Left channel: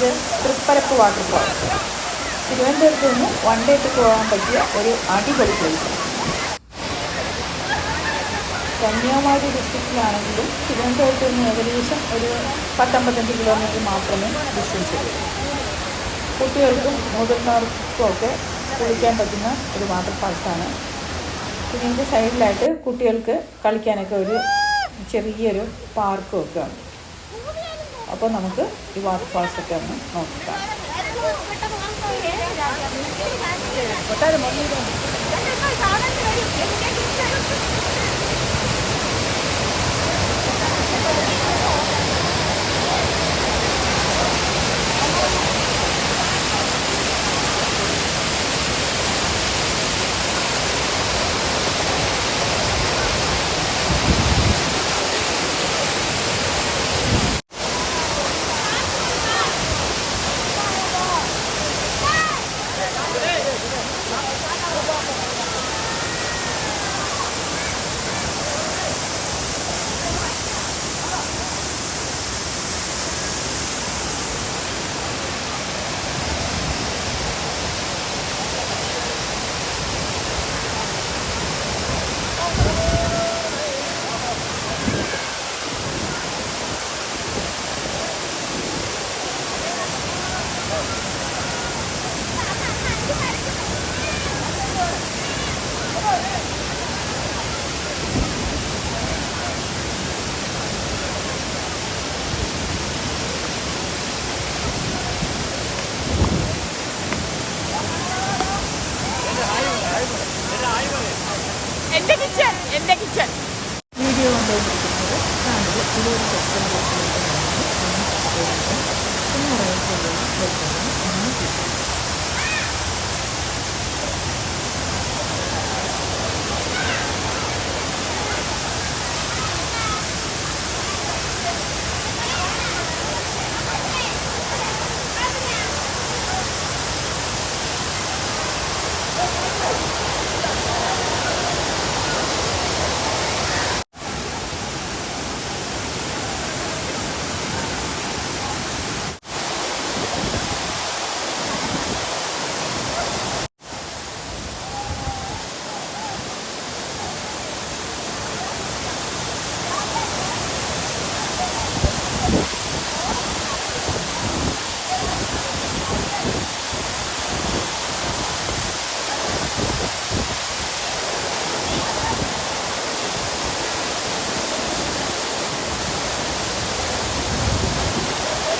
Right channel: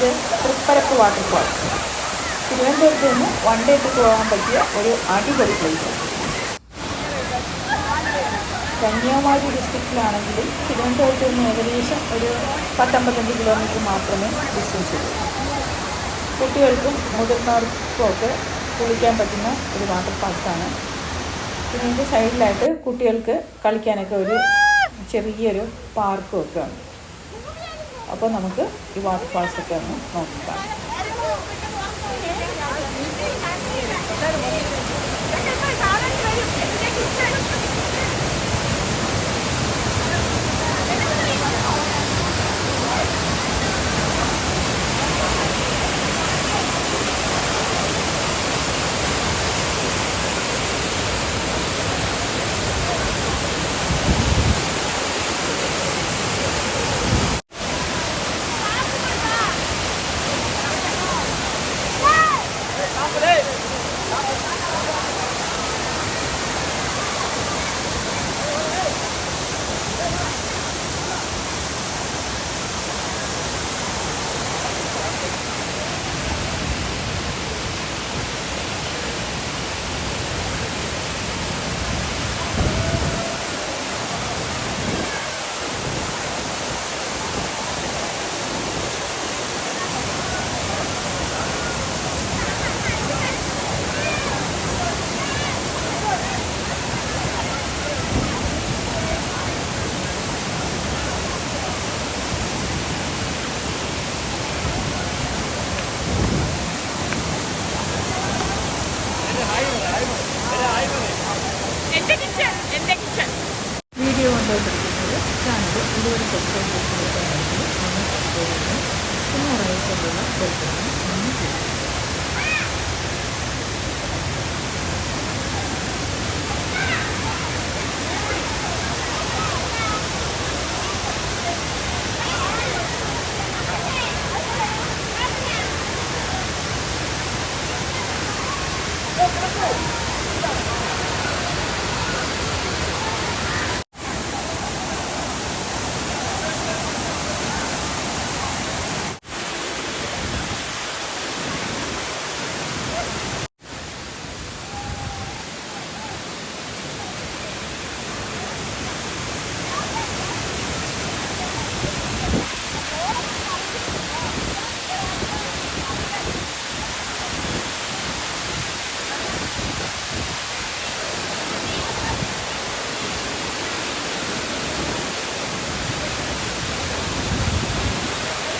ഇത് തൃപ്പരപ്പ് വാട്ടർഫാൾസ് തിരുവനന്തപുരത്ത് നിന്ന് വൺ ഡേ ട്രിപ്പ് പോകാൻ പറ്റിയ ഒരു അടിപൊളി പ്ലേസാണ് കന്യാകുമാരി ഡിസ്ട്രിക്റ്റിലാണെങ്കിലും തിരുവനന്തപുരത്ത് നിന്ന് ഏകദേശം ഒരു പത്തമ്പത്തഞ്ച് കിലോമീറ്റർ മാത്രമേ ഡിസ്റ്റൻസ് ഉള്ളൂ. കുട്ടികൾക്കും മുതിർന്നവർക്കും ഒക്കെ കുളിക്കാൻ പറ്റുന്ന ഒരു വാട്ടർഫാൾസാണ് പിന്നെ ഇതിന്റെ സൈഡിലായിട്ട് കുട്ടികൾക്ക് കളിക്കാനൊക്കെ ഒരു ചെറിയൊരു പാർക്കും ഒക്കെ ഉണ്ട്. അപ്പോൾ നമുക്ക് ഈ വാട്ടർഫാൾസ് ഒക്കെ ഒന്ന് നോക്കിക്കാം. വീഡിയോ കണ്ടുകൊണ്ടിരിക്കുന്നത് ചാനൽ ഇതുവരെ സബ്സ്ക്രൈബ് ചെയ്തിട്ടുള്ളവരാണെങ്കിൽ ഒന്ന് സബ്സ്ക്രൈബ് ചെയ്യുക പിന്നെ അറിയിച്ചുള്ള ബെൽറ്റാണ് ഒന്ന്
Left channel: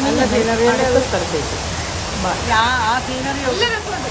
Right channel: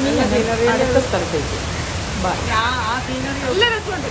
ഇനി ഞങ്ങൾ അടുത്ത സ്ഥലത്തേക്ക് ബൈ നല്ല രസമുണ്ട്